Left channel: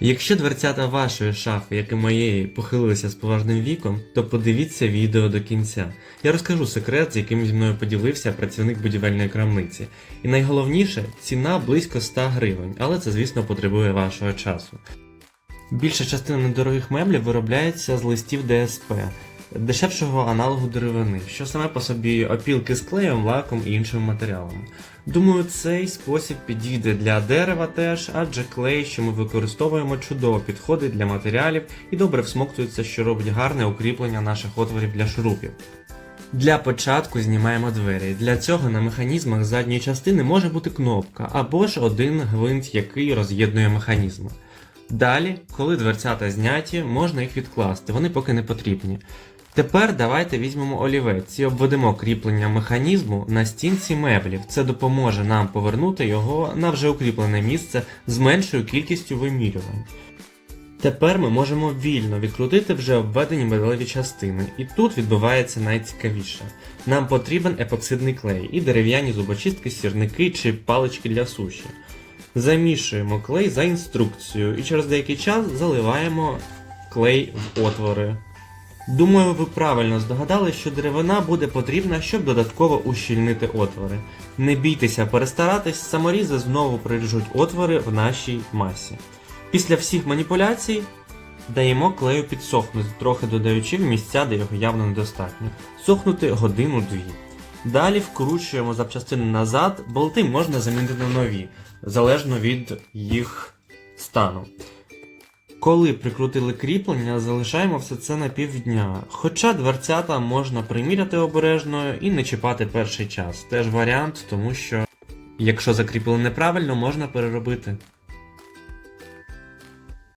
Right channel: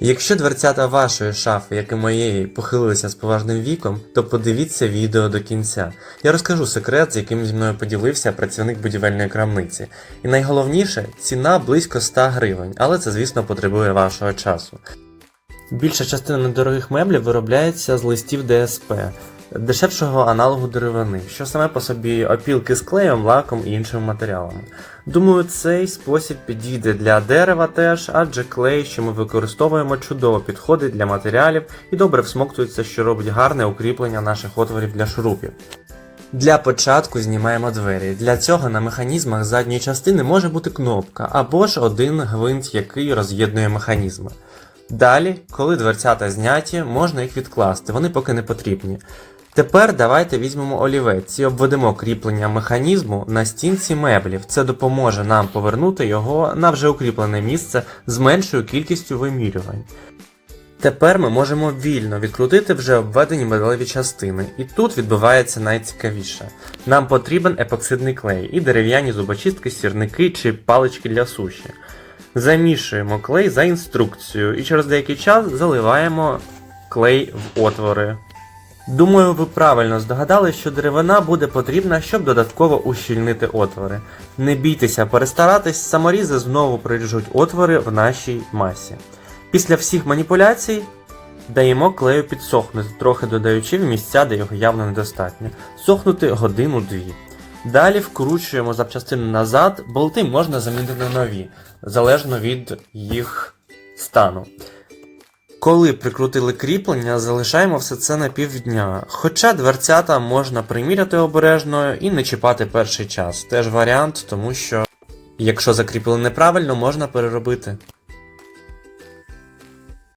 Якщо дверцята вашої шафи, як і моєї, похилилися з поважним віком, то подивіться відео до кінця. Я розкажу секрет, з яким зі мною поділився працівник будівельної крамниці. І найголовніше, ціна близько 100 гривень, але це, звісно, потребує вашого часу. Більша частина недорогих меблів виробляється з листів ДСП, дешевшого аналогу деревини, що саме по собі опілки з клеєм, лаком і іншими матеріалами. Думаю, цей спосіб підійде для дерева теж, адже клей, що ми використовуємо, чудово підходить для матеріалів і добре всмоктується, що робить гарне укріплення наших отворів для шурупів. Для початку знімаємо двері. Для цього на механізмах задньої частини може бути кнопка або ж один гвинт, який роз'єднує механізми. Далі, коли дверцята зняті, можна їх відкласти, вони поки не потрібні. Тепер давайте візьмемо олівець і обведемо кріплення механізму на стінці меблів. Це допоможе нам повернути його на вже укріплене місце з меншою кількістю вимірювань. Тепер ми можемо вільно відкрутити вже обведені металеві частини, і тут відбувається найцікавіше. Нам потрібен епоксидний клей і дерев'яні зубочистки, сірники чи палички для суші. Замішуємо клей за інструкцією і через деякий час заливаємо клей в отвори. Думаю, ви правильно здогадали, що деревина буде потрібна, щоб додатково ущільнити отвори. Не бійтеся перестаратись, саморізи знову приріжуть отвори в нашій масі. Після всіх маніпуляцій даємо клею підсохнути, трохи додаючи в місця, де його явно недостатньо. Сохнути годину-дві. Далі вкручуємо запчастини назад, болти можна замінити на нові, залежно від їх стану. Коли прикрутили кріплення, залишаємо все це на півдня. Хоча дверцята можна приміряти обережно і не чіпати перший час. Теж варіант, тому що якщо закріпили неправильно, можна переробити.